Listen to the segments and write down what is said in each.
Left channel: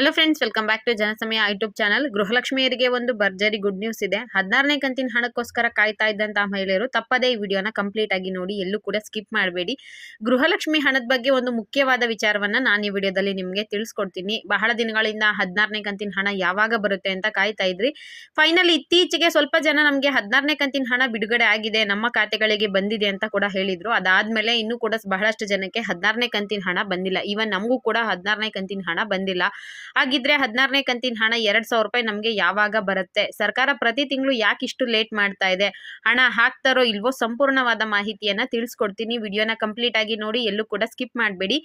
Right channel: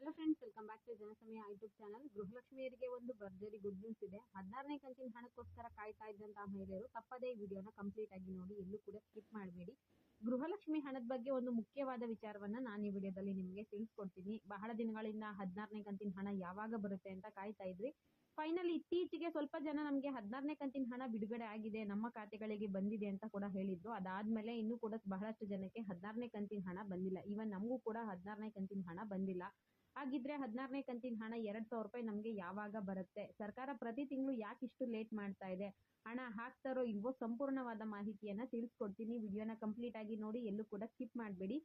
Hello friends welcome back to Janasamaya YouTube channel ಗೃಹಲಕ್ಷ್ಮಿಯರಿಗೆ ಒಂದು ಭರ್ಜರಿ good news ಇದೆ. ಹದಿನಾರನೇ ಕಂತಿನ ಹಣಕ್ಕೋಸ್ಕರ ಕಾಯ್ತಾ ಇದ್ದಂತಹ ಮಹಿಳೆಯರು ತಪ್ಪದೇ ಈ ವಿಡಿಯೋನ ಕಂಪ್ಲೀಟ್ ಆಗಿ ನೋಡಿ, ಎಲ್ಲೂ ಕೂಡ ಸ್ಕಿಪ್ ಮಾಡಬೇಡಿ. ಗೃಹಲಕ್ಷ್ಮಿ ಹಣದ ಬಗ್ಗೆ ಒಂದು ಮುಖ್ಯವಾದ ವಿಚಾರವನ್ನ ನಾನು ಈ ವಿಡಿಯೋದಲ್ಲಿ ನಿಮಗೆ ತಿಳಿಸ್ಕೊಡ್ತೀನಿ. ಬಹಳ ದಿನಗಳಿಂದ ಹದಿನಾರನೇ ಕಂತಿನ ಹಣ ಯಾವಾಗ ಬರುತ್ತೆ ಅಂತ ಕಾಯ್ತಾ ಇದ್ರಿ. ಫೈನಲ್ ಇತ್ತೀಚೆಗೆ ಸ್ವಲ್ಪ ಜನ ನಮಗೆ ಹದಿನಾರನೇ ಕಂತಿನ ಹಣ ಬಿಡುಗಡೆ ಆಗಿದೆ, ನಮ್ಮ ಖಾತೆಗಳಿಗೆ ಬಂದಿದೆ ಅಂತ ಕೂಡ ಹೇಳಿದ್ರು. ಅದಾದ್ಮೇಲೆ ಇನ್ನೂ ಕೂಡ ಬಹಳಷ್ಟು ಜನಕ್ಕೆ ಹದಿನಾರನೇ ಕಂತಿನ ಹಣ ಬಂದಿಲ್ಲ. ಈವನ್ ನಮಗೂ ಕೂಡ ಹದಿನಾರನೇ ಕಂತಿನ ಹಣ ಬಂದಿಲ್ಲ. ಹಾಗಿದ್ರೆ ಹದಿನಾರನೇ ಕಂತಿನ ಹಣ ಎರಡ್ ಸಾವಿರ ರೂಪಾಯಿ ನಮಗೆ ಯಾವಾಗ ಬರುತ್ತೆ? ಸರ್ಕಾರ ಪ್ರತಿ ತಿಂಗಳು ಯಾಕೆ ಇಷ್ಟು ಲೇಟ್ ಮಾಡ್ತಾ ಇದೆ? ಹಣ ಹಾಕ್ತಾರೋ ಇಲ್ವೋ ಸಂಪೂರ್ಣವಾದ ಮಾಹಿತಿಯನ್ನ ತಿಳಿಸ್ಕೊಡ್ತೀನಿ. ವಿಡಿಯೋನ ಕಂಪ್ಲೀಟ್ ಆಗಿ ನೋಡಿ, ಎಲ್ಲೂ ಕೂಡ ಸ್ಕಿಪ್ ಮಾಡಬೇಡಿ.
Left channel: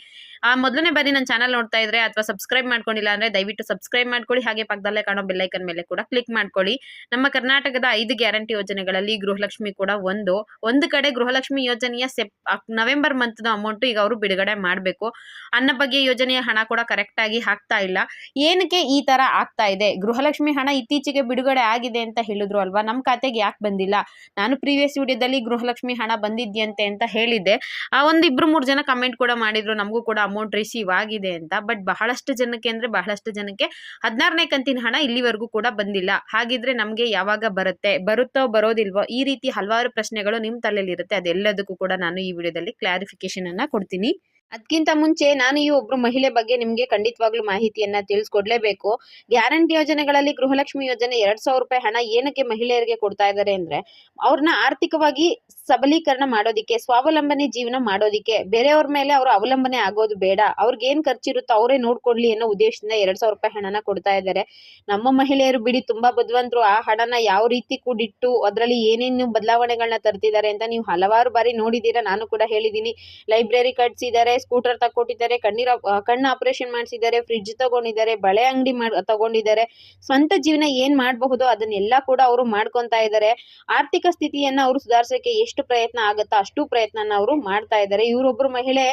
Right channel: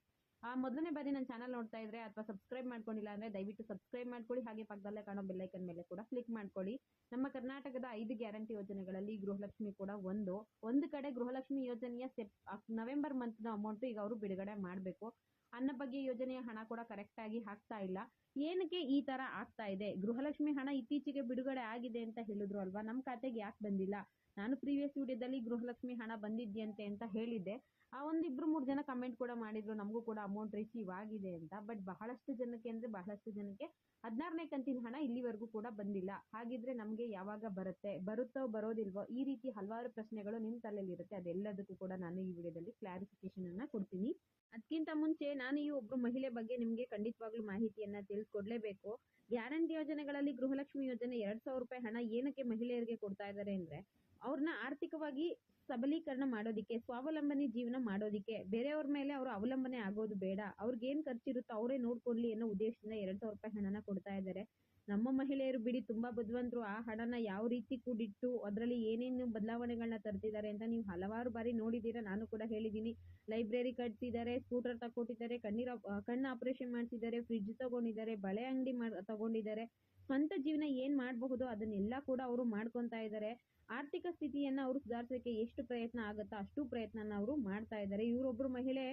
ಆ, ಮೊದಲನೇ ಬಾರಿ ನನ್ನ ಚಾನಲ್ ನೋಡ್ತಾ ಇದ್ರೆ ಅಥವಾ ಸಬ್ಸ್ಕ್ರೈಬ್ ಮಾಡ್ಕೊಂಡಿಲ್ಲ ಅಂದ್ರೆ ದಯವಿಟ್ಟು ಸಬ್ಸ್ಕ್ರೈಬ್ ಮಾಡ್ಕೊಳ್ಳಿ. ಹಾಗೆ ಪಕ್ಕದಲ್ಲೇ ಕಾಣೋ ಬೆಲ್ಲೈಕನ್ ಮೇಲೆ ಕೂಡ ಕ್ಲಿಕ್ ಮಾಡ್ಕೊಳ್ಳಿ. ನಮ್ಮ ಕರ್ನಾಟಕದ ಐದು ಗ್ಯಾರಂಟಿ ಯೋಜನೆಗಳಲ್ಲಿ ಗೃಹಲಕ್ಷ್ಮಿ ಕೂಡ ಒಂದು. ಒಂದು ಕಡೆ ಗೃಹಲಕ್ಷ್ಮಿ ಯೋಜನೆಯ ಸೆಪ್ ನವೆಂಬರ್ ಮಂತ್ನ ಅಮೌಂಟ್ ಈಗ ಅವರು ಬಿಡುಗಡೆ ಮಾಡಬೇಕು. ಅನ್ನ ಬಗ್ಗೆ ಯೋಜನೆಯ ಹಣ ಕೂಡ ಕರೆಕ್ಟ್ ಆಗಿ ಹಾಕ್ತಾ ಇಲ್ಲ. ಏನಕ್ಕೆ ಈ ತರ ಆಗ್ತಾ ಇದೆ? ಗೃಹಲಕ್ಷ್ಮಿ ಹಣ ಇತ್ತೀಚೆಗೆ ಬಿಡುಗಡೆ ಆಗಿದೆ ಅಂತ ಹೇಳಿದ್ರು ಅಲ್ವಾ? ನಮ್ಮ ಖಾತೆಗೆ ಯಾಕೆ ಬಂದಿಲ್ಲ? ನಾನು ಪ್ರೀವಿಯಸ್ ವಿಡಿಯೋದಲ್ಲಿ ಗೃಹಲಕ್ಷ್ಮಿ ಹಣ ಬಂದಿದ್ಯಂತೆ ಅಂತ ಹೇಳಿದ್ದೆ. ಆ ಒಂದು ಇಬ್ರು ಮೂರು ಜನ ಕಮೆಂಟ್ ಕೂಡ ಮಾಡಿದ್ರು, ನಮಗೂ ಕೂಡ ಅಮೌಂಟ್ ರಿಸೀವ್ ಆಗಿದೆ ಅಂತ. ಬಟ್ ಬಹಳಷ್ಟು ಜನಕ್ಕೆ ಅಂದ್ರೆ ಬಹಳಷ್ಟು ಜನಕ್ಕೆ ಹದಿನಾರನೇ ಕಂತಿನ ಹಣ ಇಲ್ಲಿವರೆಗೂ ಕೂಡ ಬಂದಿಲ್ಲ. ಹಾಗಿದ್ರೆ ನಮಗೆ ಯಾವಾಗ ಬರುತ್ತೆ? ಬರುತ್ತೋ ಬರೋದಿಲ್ವೋ? ಈ ರೀತಿ ಹಲವಾರು ಪ್ರಶ್ನೆಗಳು ನಿಮ್ಮ ತಲೆಯಲ್ಲಿರುತ್ತೆ. ಅದೆಲ್ಲದಕ್ಕೂ ಕೂಡ ನಾನು ಈ ವಿಡಿಯೋದಲ್ಲಿ ಕ್ಲಾರಿಫಿಕೇಶನ್ ಅನ್ನ ಕೊಡ್ತೀನಿ. ಅದಕ್ಕಿಂತ ಮುಂಚೆ ನಾನು ಈ ಒಬ್ರು ಮಹಿಳೆ ಬಗ್ಗೆ ನಿಮಗೆ ಖಂಡಿತವಾಗ್ಲೂ ಮಾಹಿತಿಯನ್ನ ತಿಳಿಸ್ಕೊಡ್ಲೇಬೇಕು. ಗ್ಯಾರಂಟಿ ಯೋಜನೆಗಳಲ್ಲಿ ಗೃಹಲಕ್ಷ್ಮಿ ಯೋಜನೆ ಎರಡ್ ಸಾವಿರ ರೂಪಾಯಿ ಹಣ ಏನಕ್ಕೆ ಮಹಿಳೆಯರಿಗೆ ಕೊಡ್ತಾ ಇದ್ದಾರೆ ಅಂದ್ರೆ, ಅವ್ರನ್ನ ಆರ್ಥಿಕವಾಗಿ ಸಬಲೀಕರಣ ಮಾಡೋದಿಕ್ಕೆ, ಸ್ವಾವಲಂಬನೆ ಜೀವನ ಮಾಡೋದಿಕ್ಕೆ, ಬೇರೆಯವ್ರ ಮೇಲೆ ಅವರು ಅವಲಂಬನೆ ಆಗೋದು ಬೇಡ, ಅವ್ರಿಗೆ ಏನ್ ಖರ್ಚಿರುತ್ತೋ ಅವರೇ ನೋಡ್ಕೊಡ್ಲಿ ಅನ್ನೋ ಉದ್ದೇಶದಿಂದ ಎರಡ್ ಸಾವಿರ ರೂಪಾಯಿ ಹಣನ ಕೊಡ್ತಾ ಇದ್ದಾರೆ ನಮ್ಮ ಮಹಿಳೆಯರು ಬಿಡಿ, ತುಂಬಾ ಬುದ್ಧಿವಂತರು ಆ ಹಣನ ಯಾವ ರೀತಿ ಕೂಡಿಟ್ಟು ಅದರಲ್ಲಿ ಏನೇನು ಬದಲಾವಣೆಗಳನ್ನ ತರ್ತಿದ್ದಾರೆ ಅಂತ ನೀವು ಹಲವಾರು ಬಾರಿ ನೋಡಿದೀರಾ, ನಾನು ಕೂಡ ಹೇಳಿದೀನಿ. ಲೈಬ್ರರಿ ಕಟ್ಸಿದ್ದಾರೆ ಸ್ಕೂಟರ್ ತಕ್ಕೊಟ್ಟಿದ್ದಾರೆ, ಕಣ್ಣೀರ ಕಣ್ಣು ಆಪರೇಷನ್ ಮಾಡಿಸಿದ್ದಾರೆ ಫ್ರಿಡ್ಜ್ ತಗೊಂಡಿದ್ದಾರೆ, ಬಳೆ ಅಂಗಡಿ ಮಾಡ್, ತಗೊಂಡಿದ್ದಾರೆ. ಸ್ವಂತ ಜೀವನ ಏನ್ ಮಾಡಬಹುದು ಅದನ್ನೆಲ್ಲ ಕೂಡ ಅವರು ಮಾಡ್ಕೊಂತಾ ಇದ್ದಾರೆ. ಆರ್ಥಿಕ ಸ್ಥಿತಿಯನ್ನ ಅವರು ಸುಧಾರಿಸಕ್ಕೆ ಎಷ್ಟು ಪ್ರಯತ್ನ ಆಗುತ್ತೋ ಅಷ್ಟು ಪ್ರಯತ್ನನ ಅವರು ಮಾಡ್ತಾ ಇದ್ದಾರೆ. ಇವರೊಬ್ರು ಮಹಿಳೆ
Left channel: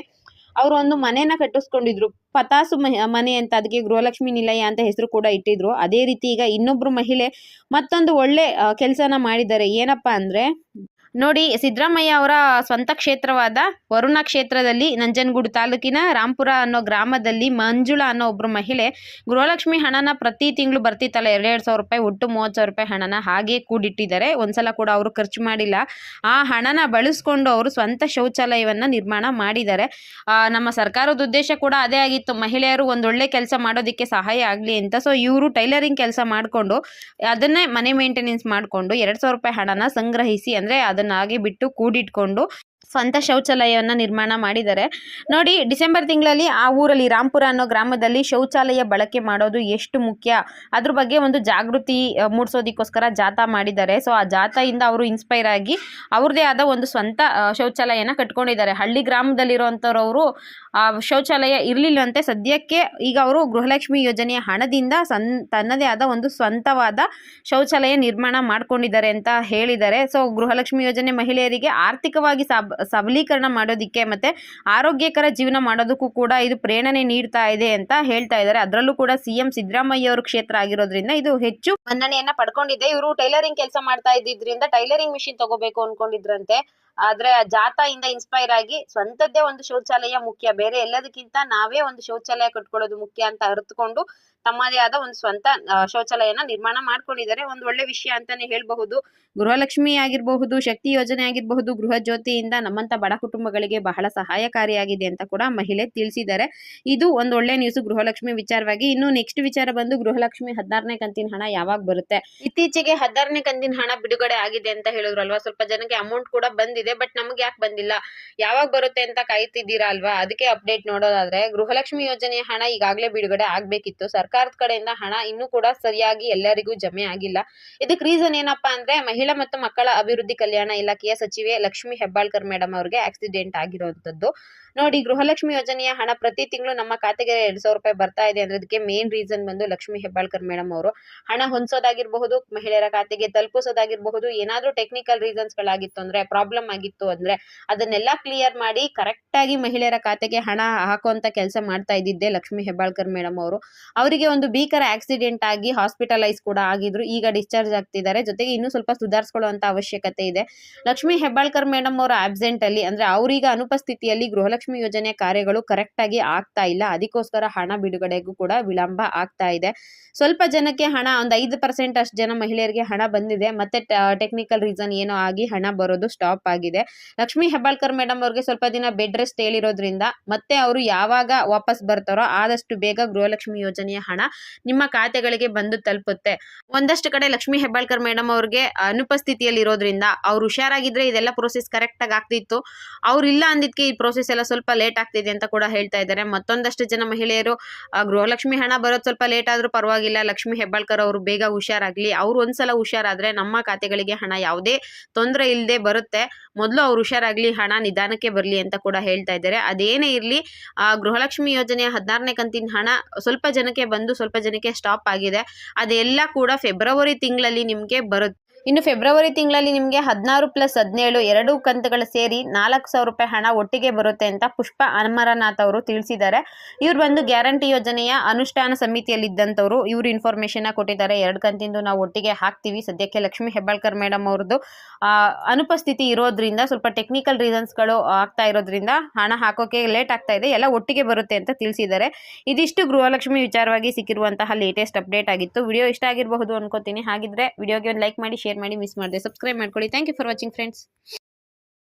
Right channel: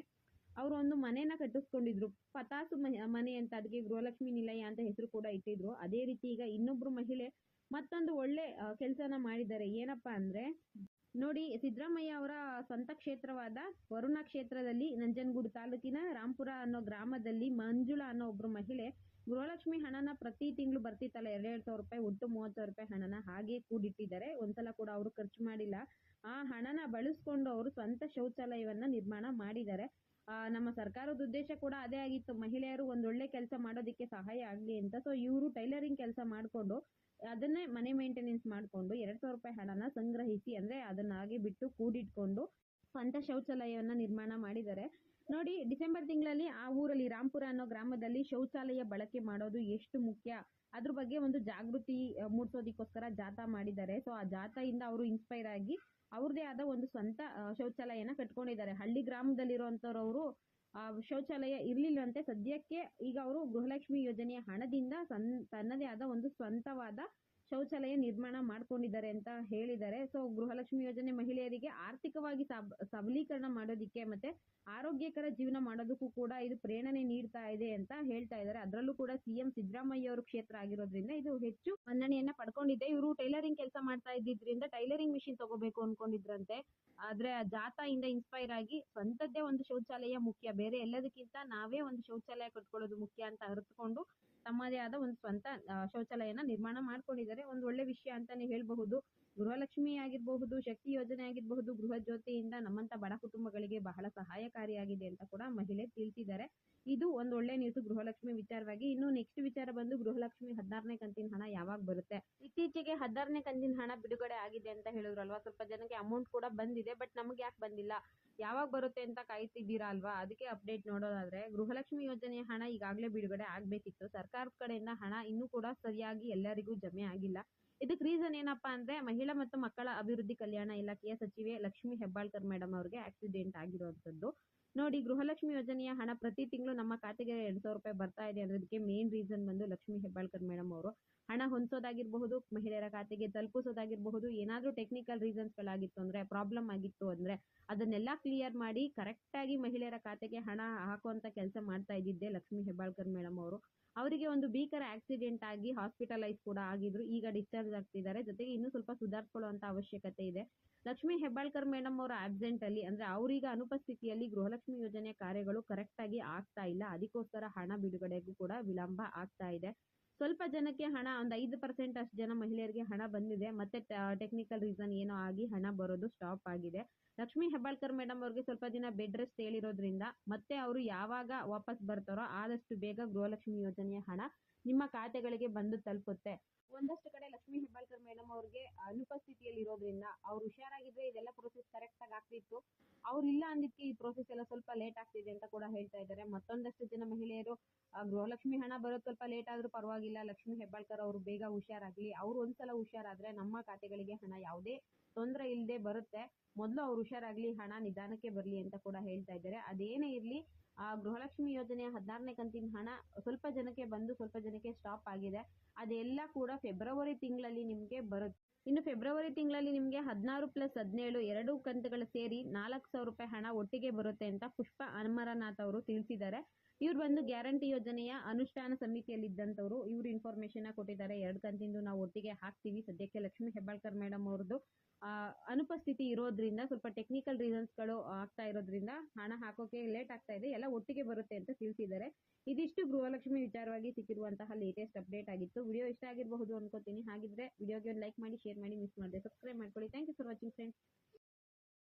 ಅವರು ಒಂದು ಮನೆಯನ್ನ ಕಟ್ಟಿಸ್ಕೊಂಡಿದ್ರು. ಪತಾಸು ಮನೆ ಅಂತ ಅದಕ್ಕೆ ಗೃಹಲಕ್ಷ್ಮಿ ನಿಲಯ ಅಂತ ಹೆಸರು ಕೂಡ ಇಟ್ಟಿದ್ರು. ಅದೇ ರೀತಿ ಈಗ ಇನ್ನೊಬ್ರು ಮಹಿಳೆ ಮತ್ತೊಂದು ಒಳ್ಳೆ ಕೆಲಸನ ಮಾಡಿದ್ದಾರೆ. ಏನಪ್ಪಾ ಅಂದ್ರೆ ನೋಡಿ, ಸಿದ್ದರಾಮಯ್ಯ ಅವರ ಸ್ವಂತ ಕ್ಷೇತ್ರವಾದ ವರುಣ ಕ್ಷೇತ್ರದಲ್ಲಿ ನಂಜನಗೂಡು ತಾಲೂಕಿನ ರಾಂಪುರ ಅನ್ನೋ ಗ್ರಾಮದಲ್ಲಿ ಮಂಜುಳಾ ಅನ್ನೋ ಒಬ್ಬರು ಮಹಿಳೆ ಗೃಹಲಕ್ಷ್ಮಿ ಹಣನ ಪ್ರತಿ ತಿಂಗಳು ಬರ್ತಿತ್ತಲ್ಲ, ಎರಡೆರಡು ಸಾವಿರ ರೂಪಾಯಿ ಒಟ್ಟು ಮೂವತ್ತು ಸಾವಿರ ರೂಪಾಯಿ ಹಣನ ಹಾಗೆ ಕೂಡಿಟ್ಟಿದ್ದಾರೆ. ಒಂದ್ಸಲ ಕೂಡ ಅವರು ಖರ್ಚು ಮಾಡಿಲ್ಲ. ಆ ಹಣನ ಬಳಸ್ಕೊಂಡು ಅವರು ಸ್ವಂತ ಶೌಚಾಲಯವನ್ನು ನಿರ್ಮಾಣ ಮಾಡಿದ್ದಾರೆ. ನಮ್ಮ ಸರ್ಕಾರದ ಉದ್ದೇಶ ಕೂಡ ಅದೇ ಆಗಿತ್ತು. ಮಹಿಳೆಯರು ಒಂದೊಳ್ಳೆ ಕೆಲಸ ಮಾಡೋದಕ್ಕೆ ಸಹಾಯ ಆಗಲಿ ಅಂತ. ಸೊ ಇವರು ಟೈಲರಿಂಗ್ ಕೆಲಸ ಮಾಡಿಕೊಂಡು ಅದನ್ನೇ ಮನೆ ಮೇಂಟೆನೆನ್ಸ್ ಮಾಡಿಕೊಂಡು ಎರಡು ಸಾವಿರ ರೂಪಾಯಿ ಹಣನ ಸಂಗ್ರಹಿಸಿ ಅಂದರೆ ಅದನ್ನ ಹಾಗೆ ಬಿಟ್ಟು ಕೂಡಿಟ್ಕೊಂಡು ಸ್ವಂತ ಶೌಚಾಲಯವನ್ನು ನಿರ್ಮಾಣ ಮಾಡಿದ್ದಾರೆ. ನೋಡಿ, ಡಿಸೆಂಬರ್ ತಿಂಗಳಲ್ಲಿ ಆ ಊರಲ್ಲಿ ರಾಂಪುರ ಅನ್ನೋ ಗ್ರಾಮದಲ್ಲಿ ಶೌಚಾಲಯ ಬಳಕೆ ಮಾಡೋದು ಎಷ್ಟು ಮುಖ್ಯ? ಅದ್ರ ಬಗ್ಗೆ ಒಂದು ಜಾಗೃತಿ ಮೂಡಿಸೋದಕ್ಕೋಸ್ಕರ ಜಾಥಾ ಮಾಡಿದ್ದಾರೆ. ಸೊ, ಆ ಜಾಥಾಯಿಂದ ಅವರು ಇನ್ಸ್ಪೈರ್ ಆಗಿ ಅವ್ರದ್ದೇ ಆದ ಒಂದು ಸ್ವಂತ ಶೌಚಾಲಯನ ಕಟ್ಕೊಂಡಿದ್ದಾರೆ. ಹಳ್ಳಿ ಗ್ರಾಮದಲ್ಲಿರುವಂಥವ್ರವರು, ಆ, ಶೌಚಾಲಯ ಇರಲಿಲ್ಲಂತೆ ಸದ್ಯಕ್ಕೆ. ಈಗ ಅವರು ಗೃಹಲಕ್ಷ್ಮಿ ಯೋಜನೆಯ ಹಣದಿಂದ ಸನ್, ತನ್ನದೇ ಆದ ಒಂದು ಸ್ವಂತವಾದ ಶೌಚಾಲಯ ನಿರ್ಮಾಣ ಮಾಡ್ಕೊಂಡಿದ್ದಾರೆ ಅಂತ ಹೇಳಿದ್ದಾರೆ. ಸೊ, ಗೃಹಲಕ್ಷ್ಮಿ ಯೋಜನೆ ಮಹಿಳೆಯರಿಗೆ ಆರ್ಥಿಕವಾಗಿ ಸಬ ಸಬಲೀಕರಣ ಮಾಡೋದಕ್ಕೆ ಮತ್ತೆ ಆರೋಗ್ಯಕರ ಜೀವನ ಮಾಡೋದಕ್ಕೂ ಕೂಡ ಇದು ಪ್ರೇರಣೆ ನೀಡ್ತಾ ಇದೆ ಅಂತ ಹೇಳ್ತಾ ಇದ್ದಾರೆ. ಅದರಲ್ಲೂ ಕೂಡ ಸಿಎಂ ಸಿದ್ದರಾಮಯ್ಯ ಅವ್ರ ಕ್ಷೇತ್ರ ಆಗಿರೋದ್ರಿಂದ ಇದು ಹೆಚ್ಚು ಮನ್ನಣೆಯನ್ನ ಪಡ್ಕೊಂಡಿದೆ. ಇವರು ಟೈಲರಿಂಗ್ ಕೆಲಸ ಮಾಡ್ತಾ ಇದ್ದಿದ್ರಿಂದ ಟೈಲರಿಂಗ್ ಮಿಷಿನ್ ತಗೋಬೇಕು ಅನ್ಕೊಂಡಿದ್ರಂತೆ. ಆದ್ರೆ ಆ ಜಾಥಾಯಿಂದ ಇನ್ಸ್ಪೈರ್ ಆಗಿ ಸ್ವಂತದ್ದೇ ಒಂದು ಶೌಚಾಲಯ ಮುಖ್ಯ. ಬೇರೆ ಎಲ್ಲದಕ್ಕಿಂತ ನಾವೇ ಒಂದು ಶೌಚಾಲಯ ಕಟ್ಕೊಳ್ಳೋದು ಮುಖ್ಯ ಅಂತ ಅರ್ಥಕೊಂಡು ತಮ್ಮದೇ ಆದ ಒಂದು ಸ್ವಂತ ಶೌಚಾಲಯನ ನಿರ್ಮಾಣ ಮಾಡ್ಕೊಂಡಿದ್ದಾರೆ. ಒಂದು ಒಳ್ಳೆ ವಿಷಯ ಅಂತಾನೆ ಹೇಳ್ಬಹುದು. ಗೃಹಲಕ್ಷ್ಮಿ ಆಗಿರಬಹುದು, ಶಕ್ತಿ ಯೋಜನೆ ಆಗಿರಬಹುದು, ಗೃಹ ಜ್ಯೋತಿಯಿಂದ ನಮ್ಮಂತ ಬಡ ಕುಟುಂಬಗಳಿಗೆ ಬಹಳ ಸಹಾಯಕಾರಿಯಾಗಿದೆ ಅಂತ ಕೂಡ ಮಹಿಳೆ ತಿಳಿಸಿದ್ದಾರೆ. ಇದು ಒಂದು ಒಳ್ಳೆ ನ್ಯೂಸ್ ಗೃಹಲಕ್ಷ್ಮಿ ವಿಚಾರವಾಗಿ. ಇನ್ನು ನೆಕ್ಸ್ಟ್ ವಿಚಾರ ಬಂದು ಗೃಹಲಕ್ಷ್ಮಿ ಹದಿನಾರನೇ ಕಂತಿನ ಹಣ ಯಾವಾಗ ಬರುತ್ತೆ? ಇತ್ತೀಚೆಗೆ ಹದಿನಾರನೇ ಕಂತಿನ ಹಣ ಬಿಡುಗಡೆ ಆಗಿದೆ ಅಂತ ಹೇಳಿದ್ರಲ್ವಾ? ಸ್ವಲ್ಪ ಜನಕ್ಕೆ ಅಮೌಂಟ್ ಕೂಡ ಬಂದಿದೆ ಬಟ್ ನಮ್ಗೆ ಯಾಕೆ ಬಂದಿಲ್ಲ? ಯಾವಾಗ ಬರುತ್ತೆ ಅಂತ ಕಾಯ್ತಿದ್ದೀರಾ ಅಲ್ವಾ? ಅದಕ್ಕೆ ಅಪ್ಡೇಟ್ ನೋಡೋದಾದ್ರೆ ಗೃಹಲಕ್ಷ್ಮಿ ಯೋಜನೆಯ ಹಣ ಈಗಾಗಲೇ ಬಿಡುಗಡೆ ಆಗ್ಬೇಕಿತ್ತು ಸರ್ಕಾರದ ಕಡೆಯಿಂದ ಹಣ ಇನ್ನೂ ಕೂಡ ಸರಿಯಾಗಿ ಎಲ್ಲರಿಗೂ ಜಮೆ ಆಗಿಲ್ಲ. ಇದಕ್ಕೆ ರೀಸನ್ ಏನಪ್ಪಾ ಅಂದ್ರೆ ಮಹಿಳಾ ಮತ್ತು ಮಕ್ಕಳ ಅಭಿವೃದ್ಧಿ ಕಲ್ಯಾಣ ಇಲಾಖೆಯ ಸಚಿವೆ ಲಕ್ಷ್ಮಿ ಹೆಬ್ಬಾಳ್ಕರ್ ಮೇಡಮ್ ಅವರಿಗೆ ಆಕ್ಸಿಡೆಂಟ್ ಆಗಿರುವಂತದ್ದು ನೋಡಿ, ಗೃಹಲಕ್ಷ್ಮಿ ಯೋಜನೆಯ ಹಣ ಪ್ರತಿ ತಿಂಗಳು ನಮ್ಮ ಖಾತೆಗೆ ಎರಡ್ ಸಾವಿರ ರೂಪಾಯಿ ಬರ್ತಾ ಇದೆ ಅಂದ್ರೆ ಅದಕ್ಕೆ ಮೇನ್ ರೀಸನ್ ಬಂದು ಲಕ್ಷ್ಮಿ ಹೆಬ್ಬಾಳ್ಕರ್ ಮೇಡಮ್ ಅವರು. ಹಣ ಹೊಂದಿಸೋದಾಗಿರಬಹುದು, ಮಹಿಳೆಯರ ಖಾತೆಗೆ ತಲುಪಿಸೋದಾಗಿರಬಹುದು, ಏನಾದ್ರೂ ಟೆಕ್ನಿಕಲ್ ರೀಸನ್ಸ್ ಗಳಾಗಿತ್ತು ಅಂದ್ರೆ ಪ್ರಾಬ್ಲಮ್ ಆಗಿತ್ತು ಅಂದ್ರೆ ಅದನ್ನೆಲ್ಲ ಕ್ಲಿಯರ್ ಮಾಡಿ ಕರೆಕ್ಟ್ ಆಗಿ ಮಹಿಳೆಯರ ಖಾತೆಗೆ ಹಣ ಹಾಕುವಂತ ಕೆಲಸ ಮಾಡ್ತಾ ಇದ್ದಿದ್ದೆ ಲಕ್ಷ್ಮಿ ಹೆಬ್ಬಾಳ್ಕರ್ ಮೇಡಮ್ ಅವರು. ಅವರಿಗೆ ಒಂದು ಭೀಕರ ಆಕ್ಸಿಡೆಂಟ್ ಆಗಿ ಹಾಸ್ಪಿಟಲೈಸ್ ಕೂಡ ಆಗಿದ್ರು. ಈಗ ಡಿಸ್ಚಾರ್ಜ್ ಆಗ್ತಿದ್ದಾರೆ. ಜೊತೆಗೆ ಇನ್ನೂ ಸ್ವಲ್ಪ ಸುಧಾರಿಸ್ಕೊಳ್ಳುವಂತ ಅವಶ್ಯಕತೆ ಇದೆ. ಲಕ್ಷ್ಮಿ ಹೆಬ್ಬಾಳ್ಕರ್ ಮೇಡಮ್ ಅವರ ಆಬ್ಸೆಂಟ್ ಅಲ್ಲಿ, ಅಂದ್ರೆ ಅವರೀಗ ಅನುಪಸ್ಥಿತಿಯಲ್ಲಿ ಗೃಹಲಕ್ಷ್ಮಿ ಯೋಜನೆ ಕಾರ್ಯಗಳು ಕರೆಕ್ಟ್ ಆಗಿ ಆಗ್ತಾ ಇಲ್ಲ. ಅದಕ್ಕೋಸ್ಕರ ಹಣ ಬಿಡುಗಡೆಗೂ ಕೂಡ ವಿಳಂಬ ಆಗ್ತಾ ಇದೆ. ಸ್ವಲ್ಪ ಜನಕ್ಕೆ ಹಣ, ಒಂದು ಐದು ಪರ್ಸೆಂಟ್ ಅಷ್ಟು ಜನ ಮಹಿಳೆಯರಿಗೆ ಹಣ ಬಂದಿದೆ. ಮತ್ತೆ ಟೆಕ್ನಿಕಲ್ ರೀಸನ್ ಏನೋ ಆಗಿ ಹಣ ಬರೋದು ಸ್ಟಾಪ್ ಆಗಿದೆ. ಲಕ್ಷ್ಮಿ ಹೆಬ್ಬಾಳ್ಕರ್ ಮೇಡಮ್ ಅವ್ರಿಗೆ ಸ್ವಲ್ಪ ದಿನ ಬೆಡ್ ರೆಸ್ಟ್ ಹೇಳಿರೋದ್ರಿಂದ, ಮತ್ತೆ ಅವರು ಯಾವಾಗ ವಾಪಸ್ ಬರ್ತಾರೋ ಆದಷ್ಟು ಬೇಗ ಗೃಹಲಕ್ಷ್ಮಿ ಯೋಜನೆಯ ಹಣ ನಿಮ್ಮ ಖಾತೆಗಳಿಗೆ ಬಂದು ತಲುಪುತ್ತೆ. ಒಂದಷ್ಟು ಕಡೆ ಲಕ್ಷ್ಮೀ ಹೆಬ್ಬಾಳ್ಕರ್ ಮೇಡಮ್ ಅವ್ರಿಗೆ ಅನುಪಸ್ಥಿತಿಯಲ್ಲಿ ಇರೋದ್ರಿಂದ ಅವ್ರು ಹುಷಾರಾಗಿದ್ರೆ ಇದೆಲ್ಲ ಪ್ರೋಸೆಸ್ ಕರೆಕ್ಟಾಗಿ ಆಗ್ತಿತ್ತು. ಅವ್ರು ಇಲ್ಲ ಅಂದಿದ್ಕೆ ಈ ಪ್ರೋಸೆಸ್ ಎಲ್ಲ ಸ್ವಲ್ಪ ಲೇಟ್ ಆಗ್ತಿದೆ ಅಂತ ಕೂಡ ಹೇಳ್ತಾ ಇದ್ದಾರೆ. ಮತ್ತೊಂದಷ್ಟು ಜನ ಮಹಿಳೆಯರು ಗೃಹಲಕ್ಷ್ಮಿ ಹಣ ಬರೋದು ಸ್ವಲ್ಪ ಲೇಟ್ ಆದ್ರೂ ಪರವಾಗಿಲ್ಲ. ಲಕ್ಷ್ಮೀ ಹೆಬ್ಬಾಳ್ಕರ್ ಅವರು ಬೇಗ ಹುಷಾರಾಗಲಿ. ಅವ್ರು ಒಂದ್ಸಲ ಹುಷಾರಾದ್ರೆ ನಮ್ಮ ಖಾತೆಗಳಿಗೆ ಹಣ ಯಾವುದೇ ತೊಂದರೆ ಇಲ್ಲದೆ ಬರುತ್ತೆ. ಮೊದಲು ಅವ್ರು ಹುಷಾರಾಗ್ಲಿ, ಹಣ ನಿಧಾನಕ್ಕೆ ಬರಲಿ ಅಂತ ಕೂಡ ಹೇಳ್ತಾ ಇದ್ದಾರೆ. ಅದೇನೇ ಇರಲಿ ಗೃಹಲಕ್ಷ್ಮಿ ಯೋಜನೆಯ ಹದಿನಾರನೇ ಕಂತಿನ ಹಣ ಸ್ವಲ್ಪ ಜನಕ್ಕೆ ಸ್ವಲ್ಪ ಜನಕ್ಕೆ ಸ್ಟಾಪ್ ಆಗಿದೆ. ಅದೆಲ್ಲ ಕೂಡ ಫೆಬ್ರವರಿ ತಿಂಗಳಲ್ಲಿ ನಿಮಗೆ ಬರುತ್ತೆ ಇನ್ನು ಫೆಬ್ರವರಿ ತಿಂಗಳಲ್ಲಿ ನಿಮಗೆ ಹದಿನಾರು ಪ್ಲಸ್ ಹದಿನೇಳು ಎರಡು ಕಂತುಗಳು ಸೇರಿ ನಾಲ್ಕು ಸಾವಿರ ರೂಪಾಯಿ ಹಣ ಒಟ್ಟಿಗೆ ಬರುತ್ತೆ ಅಂತ ಪುಷ್ಪ ಅಮರನಾಥ್ ಅವರು ತಿಳಿಸಿದ್ದಾರೆ. ಇವ್ರು ಬಂದು ಗ್ಯಾರಂಟಿ ಯೋಜನೆಯ ಅನುಷ್ಠಾನ ಸಮಿತಿಯಲ್ಲಿದ್ದಂಥವ್ರು. ಇವರು ಇನ್ಫಾರ್ಮೇಷನ್ನ ಕೊಟ್ಟಿದ್ದಾರೆ. ಎರಡು ಕಂತಿಂದು ನಾವು ಒಟ್ಟಿಗೆ ಹಾಕ್ತೀವಿ. ಸದ್ಯಕ್ಕೆ ಲಕ್ಷ್ಮಿ ಹೆಬ್ಬಾಳ್ಕರ್ ಮೇಡಮ್ ಅವ್ರದ್ದು ಅನುಪಸ್ಥಿತಿ ಇರೋದ್ರಿಂದ, ಸ್ವಲ್ಪ ಟೆಕ್ನಿಕಲ್ ರೀಸನ್ಸ್ಗಳು ಆಗ್ತಾ ಇರೋದ್ರಿಂದ ಹಣ ಹಾಕೋಕೆ ಲೇಟ್ ಆಗ್ತಾ ಇದೆ. ಎಲ್ಲ ಒಟ್ಟಿಗೆ ಬರುತ್ತೆ ಅಂತ ತಿಳಿಸಿದ್ದಾರೆ. ಇದಿಷ್ಟು ಗೃಹಲಕ್ಷ್ಮಿ ವಿಚಾರವಾಗಿ ಸಿಕ್ಕಿರುವಂತಹ ಲೇಟೆಸ್ಟ್ ಅಪ್ಡೇಟ್ ಆಗಿತ್ತು. ವಿಡಿಯೋ ಇಷ್ಟ ಆಗಿರಬಹುದು ಅನ್ಕೋತೀನಿ. ಹಾಗಿದ್ರೆ ವಿಡಿಯೋಗೆ ಒಂದು ಲೈಕ್ ಮಾಡಿ ಶೇರ್ ಮಾಡಿ ಮಿಸ್ ಮಾಡಿದೆ. ಸಬ್ಸ್ಕ್ರೈಬ್ ಮಾಡ್ಕೊಳ್ಳಿ. Thank you for watching friends